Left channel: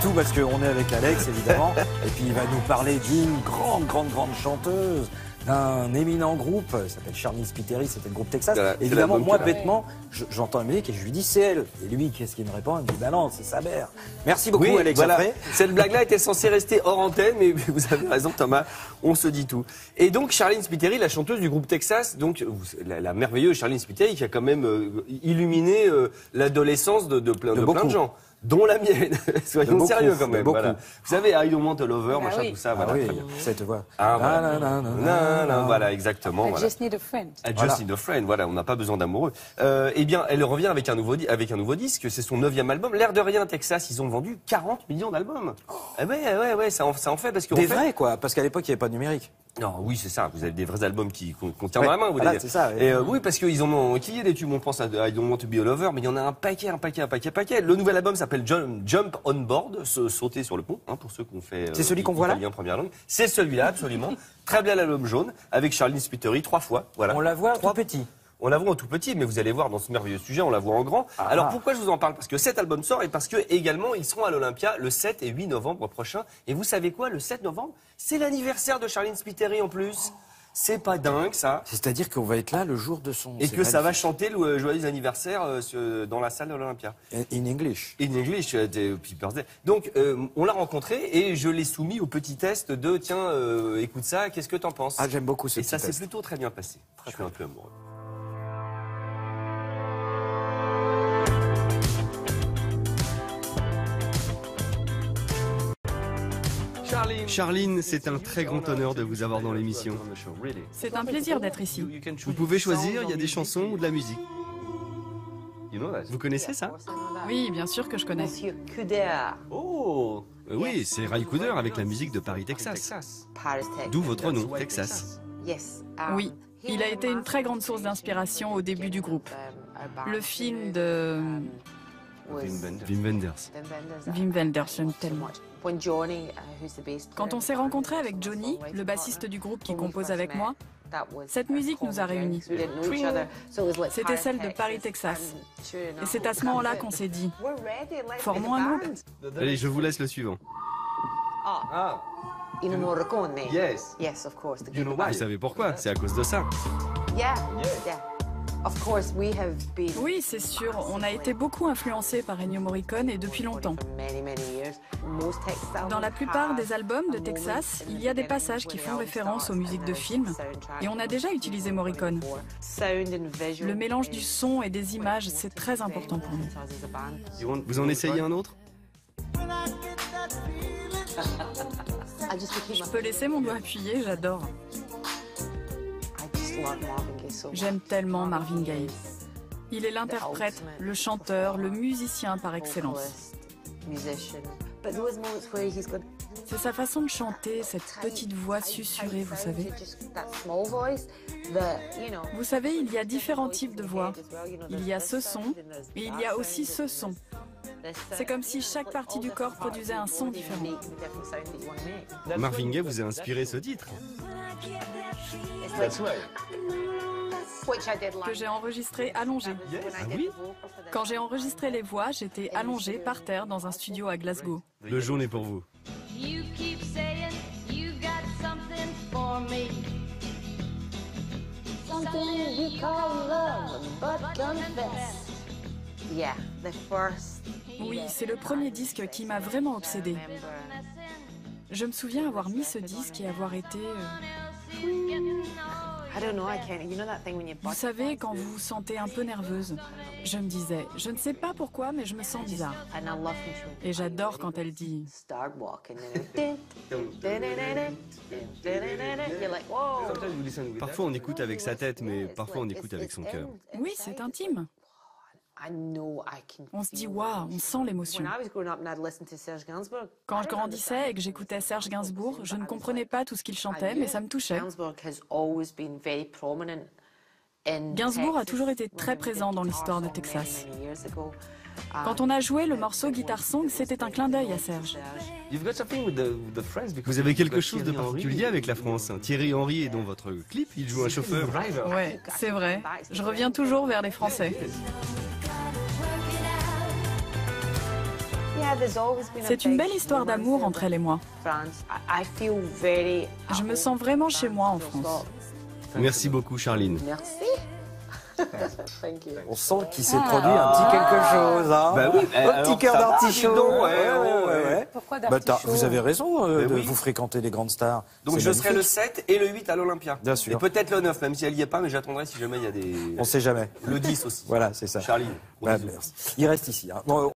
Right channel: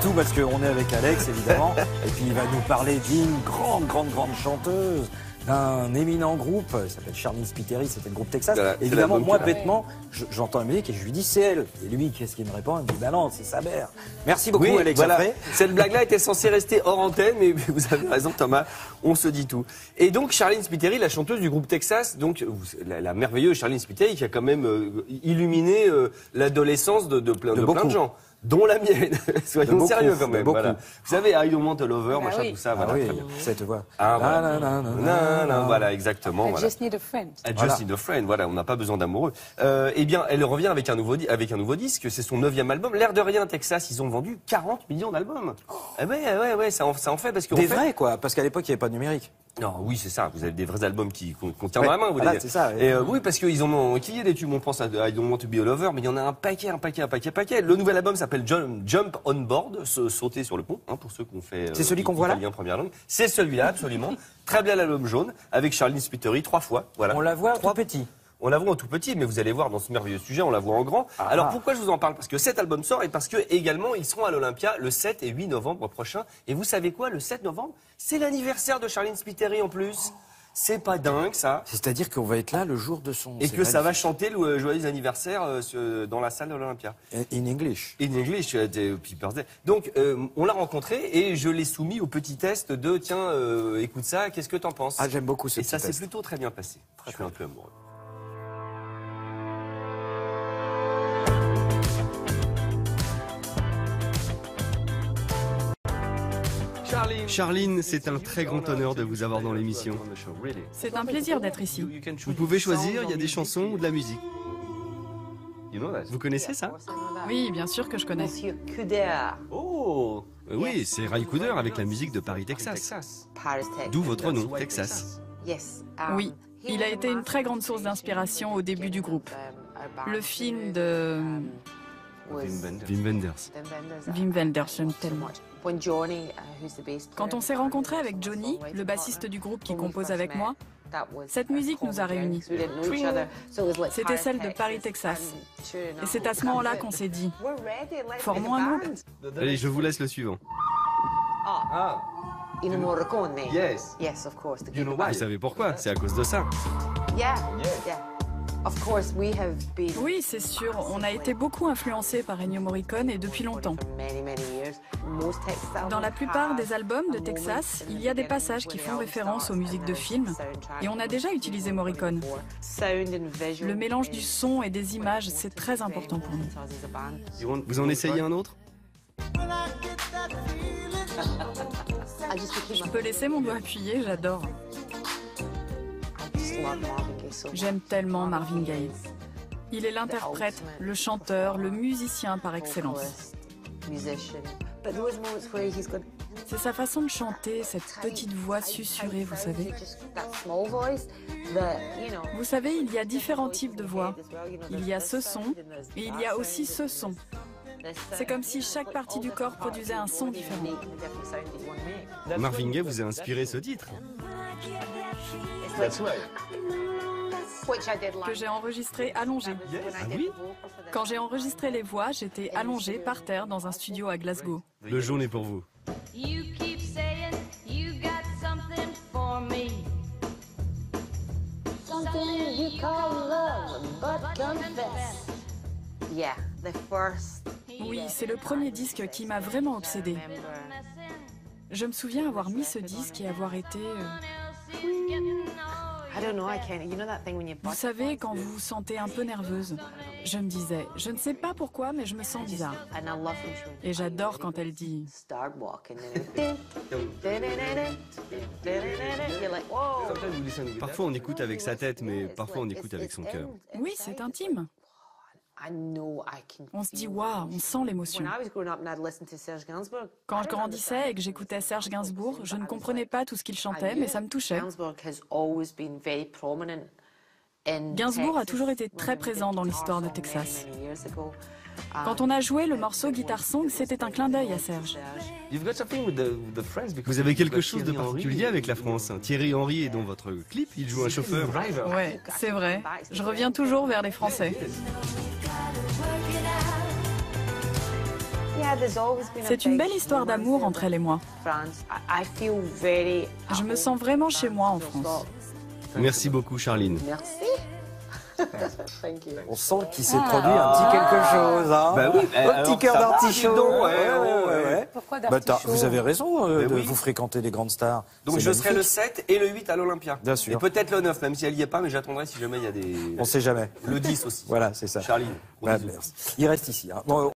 tout parce qu'on est avec Alex évidemment. Et puis il va nous parler d'une grande chanteuse, d'un éminent groupe, il s'appelle Charline Spiteri, c'était le groupe Texas. Évidemment, moi bêtement, j'entends la musique et je lui dis c'est elle. Et lui, qu'est-ce qu'il me répond? Il me dit bah non, c'est sa mère. Merci beaucoup Alex. Voilà. Cette blague-là était censée rester hors antenne, mais vous avez raison Thomas, on se dit tout. Et donc Charline Spiteri, la chanteuse du groupe Texas, donc la merveilleuse Charline Spiteri qui a quand même illuminé l'adolescence de plein de gens. Dont la mienne. Soyons sérieux quand même. Voilà. Vous savez, I don't want a lover, machin, tout ça. Voilà, très bien. Cette voix. Voilà, exactement. I just need a friend. I just need a friend. Voilà, on n'a pas besoin d'amoureux. Eh bien, elle revient avec un nouveau disque. C'est son 9e album. L'air de rien, Texas, ils ont vendu 40 millions d'albums. Ouais, ça en fait parce que. Des vrais, quoi. Parce qu'à l'époque, il n'y avait pas de numérique. Non, oui, c'est ça. Vous avez des vrais albums qu'on tient dans la main, vous voilà, c'est ça. Et oui, parce qu'ils en ont équilibré des tubes. On pense à I Don't Want to Be a Lover, mais il y en a un paquet. Le nouvel album s'appelle Jump on Board, sauter sur le pont, hein, pour ceux qu'on fait. C'est celui qu'on voit là. Première langue. C'est celui-là, absolument. Très bien l'album jaune, avec Charline Spiteri 3 fois. Voilà. On la voit en tout petit. On la voit en tout petit, mais vous allez voir dans ce merveilleux sujet, on la voit en grand. Alors pourquoi je vous en parle? Parce que cet album sort et parce que également ils seront à l'Olympia le 7 et 8 novembre prochain. Et vous savez quoi, le 7 novembre, c'est l'anniversaire de Charline Spiteri en plus. C'est pas dingue ça. C'est-à-dire qu'on va être là le jour de son... Et que ça va chanter le joyeux anniversaire dans la salle de l'Olympia. In English. In English, People's Day. Donc on l'a rencontré et je l'ai soumis au petit test de tiens, écoute ça, qu'est-ce que t'en penses? Ah, j'aime beaucoup ce Et ça petit s'est plutôt très bien passé. Je suis un peu amoureux. Charline, c'est un très grand honneur de vous avoir dans l'émission. C'est un plaisir d'être ici. Vous pouvez choisir, il y a des chansons ou de la musique. Vous connaissez ça? Oui, bien sûr que je connais. Oh oui, c'est Ry Cooder avec la musique de Paris, Texas. D'où votre nom, Texas. Oui, il a été une très grande source d'inspiration au début du groupe. Le film de... Wim Wenders. Wim Wenders, j'aime tellement. Quand on s'est rencontrés avec Johnny, le bassiste du groupe qui compose avec moi, cette musique nous a réunis. C'était celle de Paris, Texas. Et c'est à ce moment-là qu'on s'est dit, formons un groupe. Allez, je vous laisse le suivant. Yes. Vous savez pourquoi? C'est à cause de ça. Oui, c'est sûr. On a été beaucoup influencés par Ennio Morricone et depuis longtemps. Dans la plupart des albums de Texas, il y a des passages qui font référence aux musiques de films et on a déjà utilisé Morricone. Le mélange du son et des images, c'est très important pour nous. Vous en essayez un autre? Je peux laisser mon doigt appuyé, j'adore. J'aime tellement Marvin Gaye. Il est l'interprète, le chanteur, le musicien par excellence. C'est sa façon de chanter, cette petite voix susurrée, vous savez. Vous savez, il y a différents types de voix. Il y a ce son et il y a aussi ce son. C'est comme si chaque partie du corps produisait un son différent. Marvin Gaye vous a inspiré ce titre? Que j'ai enregistré allongé. Quand j'ai enregistré les voix, j'étais allongée par terre dans un studio à Glasgow. Le jaune est pour vous. Oui, c'est le premier disque qui m'a vraiment obsédée. Je me souviens avoir mis ce disque et avoir été... Vous savez, quand vous vous sentez un peu nerveuse, je me disais, je ne sais pas pourquoi, mais je me sens bizarre. Et j'adore quand elle dit... Parfois on écoute avec sa tête, mais parfois on écoute avec son cœur. Oui, c'est intime. On se dit, waouh, on sent l'émotion. Quand je grandissais et que j'écoutais Serge Gainsbourg, je ne comprenais pas tout ce qu'il chantait, mais ça me touchait. Gainsbourg a toujours été très présent dans l'histoire de Texas. Quand on a joué le morceau Guitar Song, c'était un clin d'œil à Serge. Vous avez quelque chose de particulier avec la France. Thierry Henry est dans votre clip, il joue un chauffeur. Ouais, c'est vrai. Je reviens toujours vers les Français. C'est une belle histoire d'amour entre elle et moi. Je me sens vraiment chez moi en France. Merci beaucoup, Charline. On sent qu'il s'est produit un petit quelque chose. Hein. Bah oui, un petit cœur d'artichaut. Pourquoi Vous avez raison de vous fréquenter les grandes stars. Donc je serai le 7 et le 8 à l'Olympia. Bien sûr. Et peut-être le 9, même si elle n'y est pas, mais j'attendrai si jamais il y a des... On sait jamais. Le 10 aussi. Voilà, c'est ça. Charline. Il reste ici. Hein. Bon,